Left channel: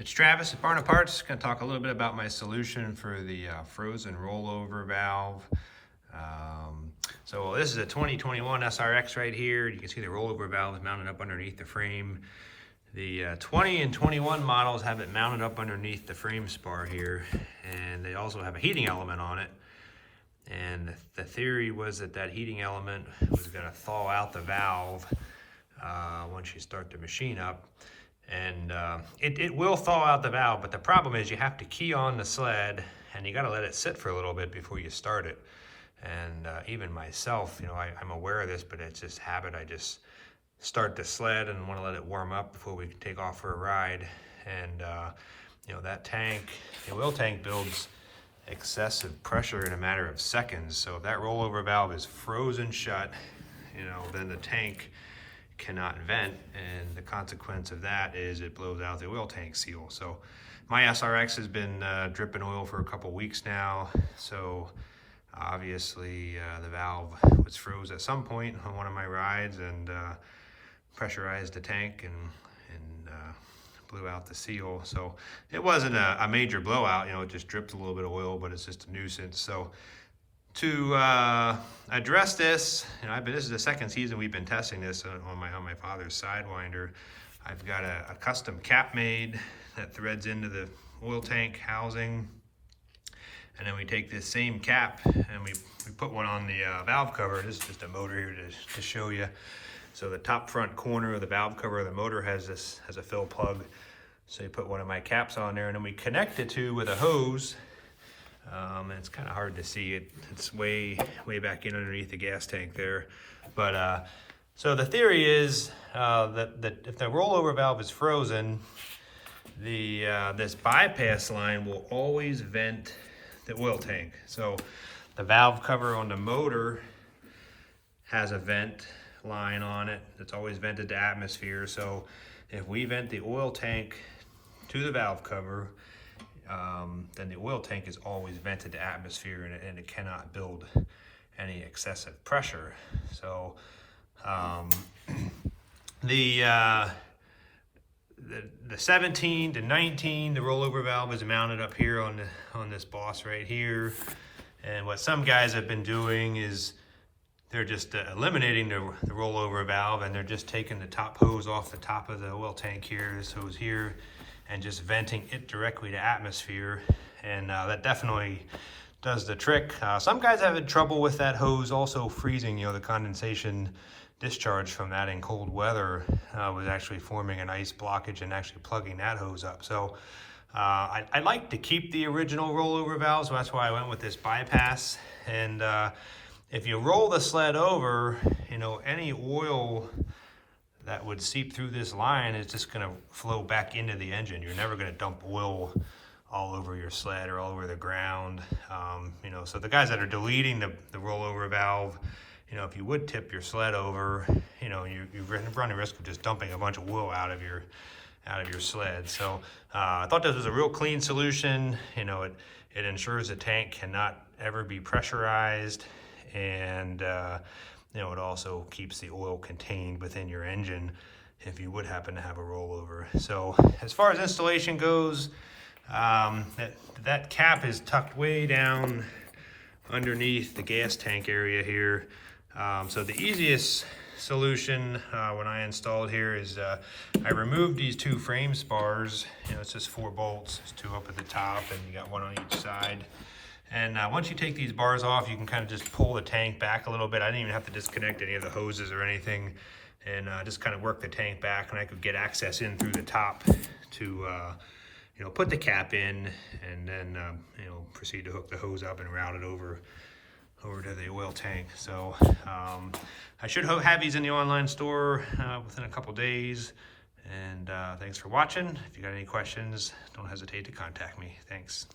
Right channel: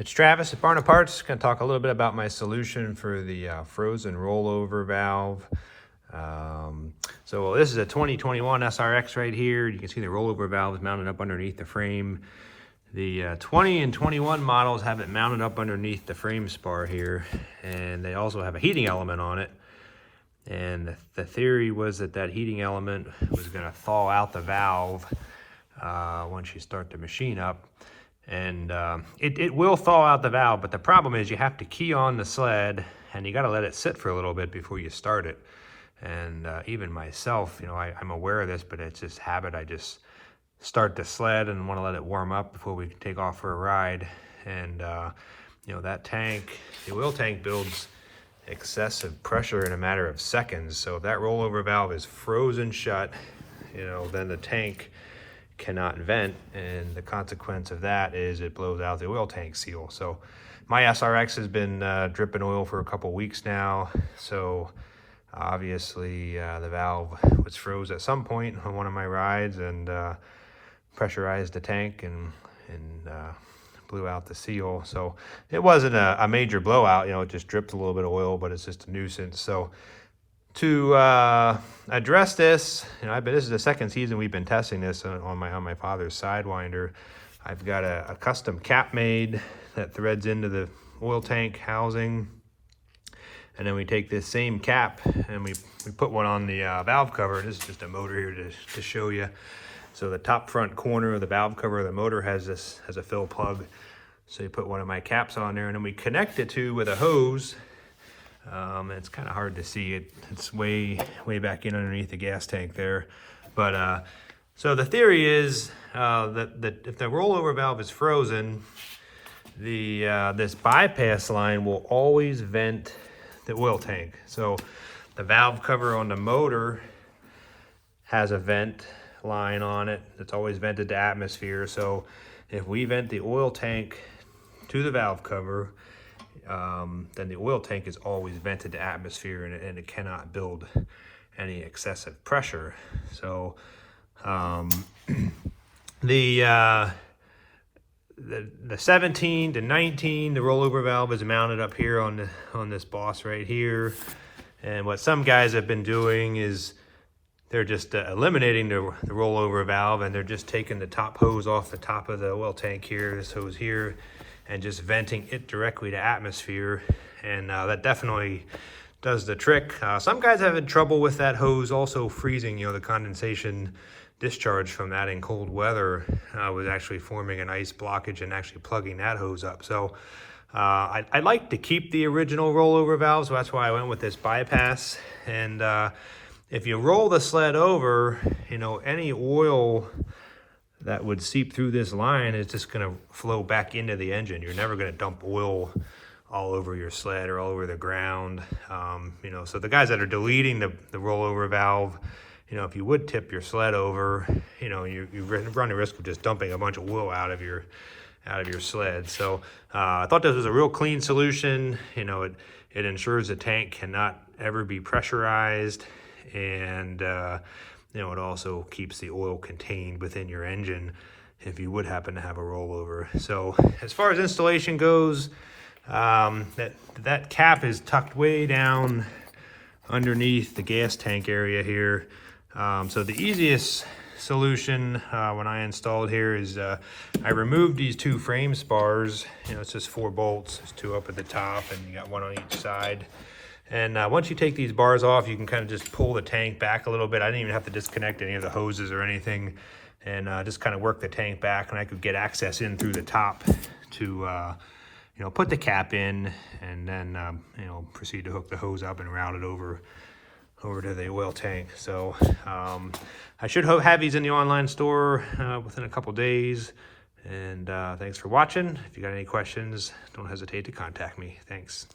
It's Travis at Barna Parts. Going to talk a little bit about my solution for the frozen rollover valve. This is a 2021 SRX right here. You can see the rollover valve is mounted up underneath the frame. The 20 and 21 models have it mounted up underneath the frame spar here, and they also have a heating element on it. And the theory was that that heating element was going to thaw out the valve once you start the machine up. And it will thaw out the valve, but the problem is you have to key on the sled and you got to let it sit for a little bit before you start it. And even myself, I'm aware of this, but it's just habit. I just start the sled and want to let it warm up before we can take off for a ride. And that tank, the oil tank, builds excessive pressure in a matter of seconds. So if that rollover valve is frozen shut, then the tank cannot vent, and the consequence of that is it blows out the oil tank seal. So my SRX has been dripping oil for a couple weeks now, so obviously the valve was froze at some point on one of my rides, and pressurized the tank and blew out the seal. So it wasn't a major blowout, it just dripped a little bit of oil, but it's just a nuisance. So to address this, this is the second season we've been testing this on my father's Sidewinder. I've got a custom cap made that threads into the oil tank housing, and then we take this same cap and we put one on the valve cover. This is just a motor here to show you. So the top front corner of the valve cover of the motor has a fill plug. So you put one of my caps on there, and then we connect it with a hose. It's kind of hard to see it. It's way back in underneath the gas tank there. But so the theory is that if the rollover valve is frozen, this bypass line will always vent the oil tank. So the valve cover on the motor has a vent line on it that's always vented to atmosphere. So if we vent the oil tank to the valve cover, then the oil tank is always vented to atmosphere, and it cannot build any excessive pressure. So the 17 to 19, the rollover valve is mounted up here on this boss right here. And what some guys have been doing is they're just eliminating the rollover valve, and they're just taking the top hose off the top of the oil tank here, this hose here, and just venting it directly to atmosphere. And that definitely does the trick. Some guys have had trouble with that hose also freezing. The condensation discharge from that in cold weather was actually forming an ice blockage and actually plugging that hose up. So I like to keep the original rollover valve, so that's why I went with this bypass. And if you roll the sled over, any oil that would seep through this line is just going to flow back into the engine. You're never going to dump oil all over your sled or all over the ground. So the guys that are deleting the rollover valve, if you would tip your sled over, you run the risk of just dumping a bunch of oil out of your sled. So I thought this was a real clean solution. It ensures the tank cannot ever be pressurized, and it also keeps the oil contained within your engine if you would happen to have a rollover. So as far as installation goes, that cap is tucked way down underneath the gas tank area here. So the easiest solution when I installed here is I removed these two frame spars. It's just 4 bolts. There's 2 up at the top, and you got 1 on each side. And once you take these bars off, you can kind of just pull the tank back a little bit. I didn't even have to disconnect any of the hoses or anything, and just kind of work the tank back, and I could get access in through the top to put the cap in, and then proceed to hook the hose up and route it over to the oil tank. So I should have these in the online store within a couple days. And thanks for watching. If you got any questions, don't hesitate to contact me. Thanks.